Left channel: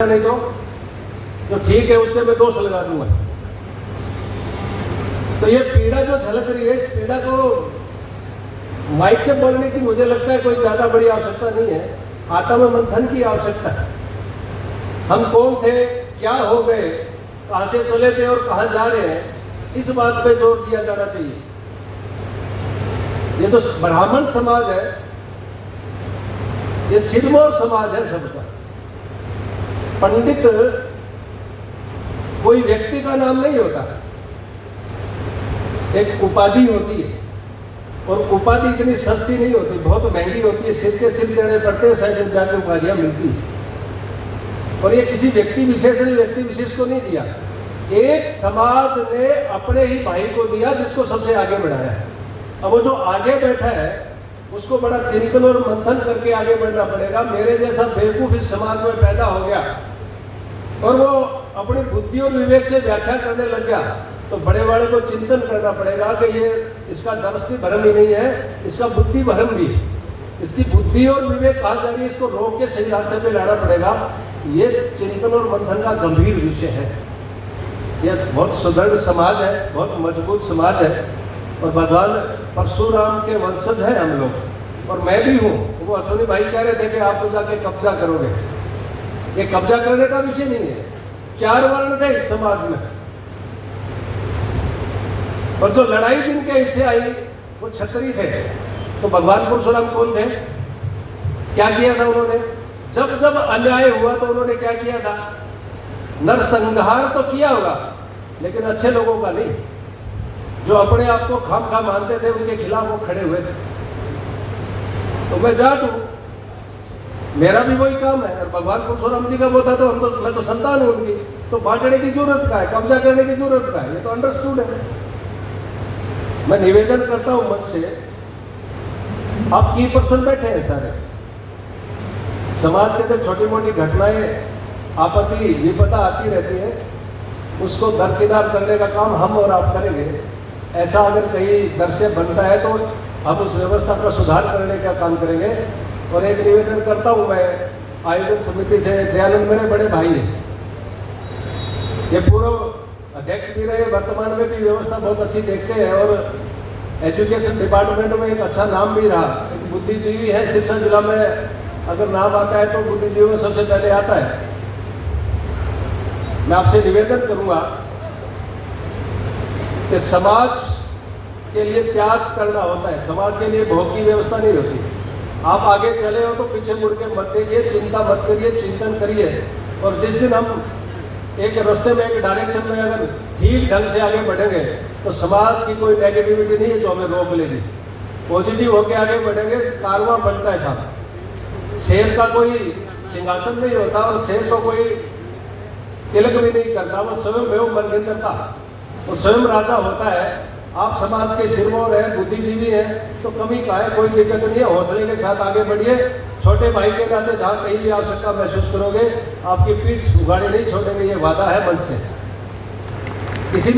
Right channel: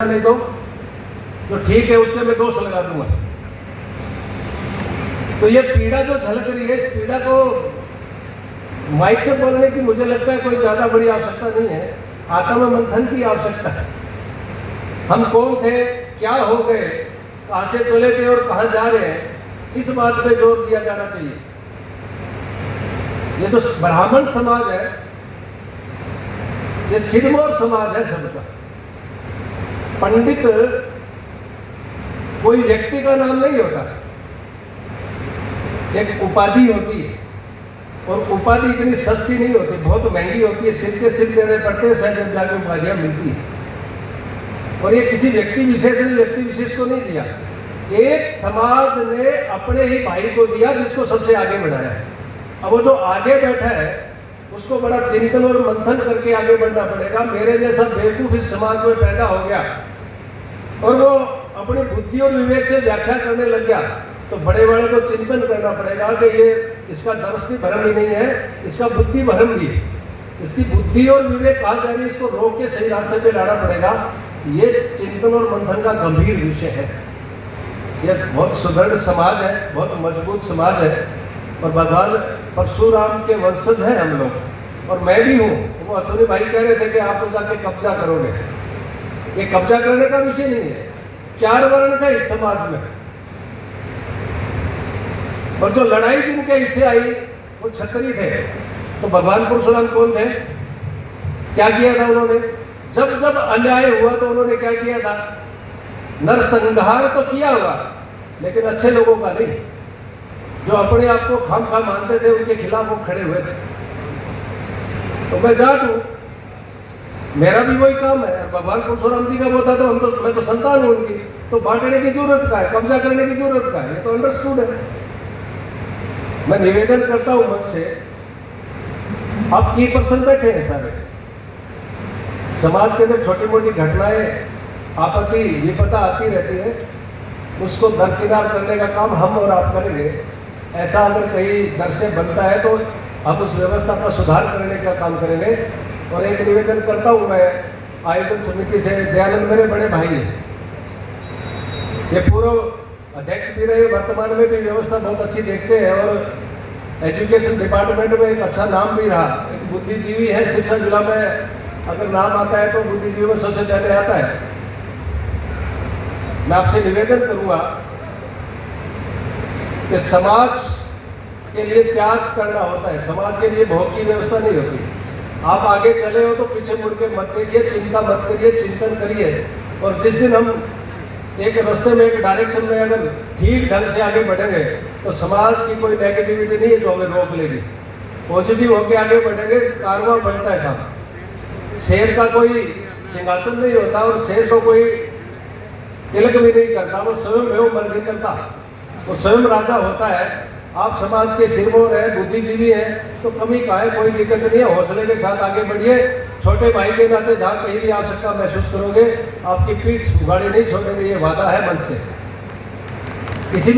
नहीं तो ठीक है, उसके मैं दोष लगा दूंगा। तो ये पीड़ा जो झलक रही है, इस पीड़ा को माइक से बोलने की मुझे लगता है कोई ज्यादा बड़ी आवश्यकता नहीं है, आत्म मंथन की आवश्यकता है। हम कौन थे, क्या हो गए, कहां से चले थे और कहां जा रहे हैं, इस बात पे जोर दिया जाना चाहिए। ये जो ब्राह्मण समाज है, ये सिरमौर समाज है सबका। पंडित कोई व्यक्ति का नाम नहीं होता, एक उपाधि होती है, और उपाधि इतनी सस्ती नहीं होती, बहुत महंगी होती है। सिर के सिर देने पड़ते हैं, शायद जाके उपाधियां मिलती है। और ये किसी व्यक्ति विशेष ने व्यक्ति विशेष को नहीं दिया, एक समाज ने अपने ही भाई को दिया, जिसको सबसे आगे बढ़ाया है। अब वो जो आगे बैठा है उसको बड़ा चिंतन और मंथन करके आगे बढ़ना पड़ेगा। मेरे जैसा बेवकूफ इस समाज में पैदा हो गया और वो अपनी बुद्धि और विवेक से व्याख्या करने लग गया, तो बड़े बड़े को चिंतन करना पड़ेगा कि ये इसका दर्शन भ्रम ही नहीं है, इसका बुद्धि भ्रम भी है। इसकी बुद्धि और विवेक कहा जा रही है, इसको रोक के सही रास्ते पे लाना पड़ेगा। ये चिंतन और मंथन का गंभीर विषय है। यह बहुत सुदृढ़ समाज है, बहुत मजबूत समाज है, और भगवान परशुराम के वंशज हैं हम लोग, और मैं भी हूँ। वो अश्विनी भाई कह रहे थे कि आप तो जाके कब्जा करोगे। ये कब्जा करने का विषय नहीं है। 4 वर्ण थे इस समाज में, और जो लड़ाई जिनके हिस्से आई वो क्षत्रिय थे। तो भगवान परशुराम कौन थे, क्या किया था उन्होंने? जब जब अन्याय हुआ तो उन्होंने क्या किया था? नरसंहार तो किया होगा, लेकिन अच्छे लोगों का नहीं। जो अपने आप को खामखा मानते थे, उनके खिलाफ वो खड़े हुए थे। तो मैं जाट हूं, मेरा भी वही काम है। भगवान परशुराम जी का बोलता था, मैं तो संतान हूं उनकी, तो बांटने की जरूरत का है, कब्जा करने की जरूरत का है, ये तो अंडरस्टूड है। मैं निवेदन करता हूं मत से, आप की पर्सन बैठे हैं सारे समाज के अंदर, छोटी मोटी घटनाएं आपत्ति विपदा आती रहती है, उसको दरकिनार करने का काम हम और आप करेंगे। ऐसा अगर कहीं दर से बनता है तो हम उस व्यवस्था का सुधार करने का काम करेंगे। और एक निवेदन करता हूं मैं आयोजन समिति से, दयानंद मेरे बड़े भाई हैं, ये पूर्व अध्यक्ष भी रहे, वर्तमान में भी व्यवस्था बहुत अच्छी देखते हैं, और एजुकेशन डिपार्टमेंट में एक अच्छा नाम भी रहा। एक बुद्धिजीवी है, शिक्षा जिला में अगर नाम आता है तो बुद्धिजीवी में सबसे पहले आता है। मैं आपसे निवेदन करूंगा कि समाज के लिए त्याग करना होता है, समाज के लिए भोग की व्यवस्था नहीं होती। आप आगे चले हो तो पीछे मुड़ के मत देखिए, चिंता मत करिए, चिंतन करिए। और जिस दिन हम एक रास्ते में, एक डायरेक्शन में अगर ठीक ढंग से आगे बढ़ेंगे तो समाज की कोई नेगेटिविटी नहीं है जो हमें रोक लेगी। पॉजिटिव होकर आगे बढ़ेंगे, कारवां बनता है साहब। शेर का कोई सिंहासन नहीं होता, और शेर को कोई तिलक भी नहीं करता, वो स्वयं मर नहीं करता, वो स्वयं राजा होता है। आप समाज के सिरमौर है, बुद्धिजीवी है, तो कमी का है, कोई दिक्कत नहीं है। हौसले के साथ आगे बढ़िए। छोटे भाई के नाते जहाँ कहीं भी आवश्यकता महसूस करोगे, आपकी पीठ उगाड़े नहीं छोड़ेंगे, ये वादा है मन से। किसी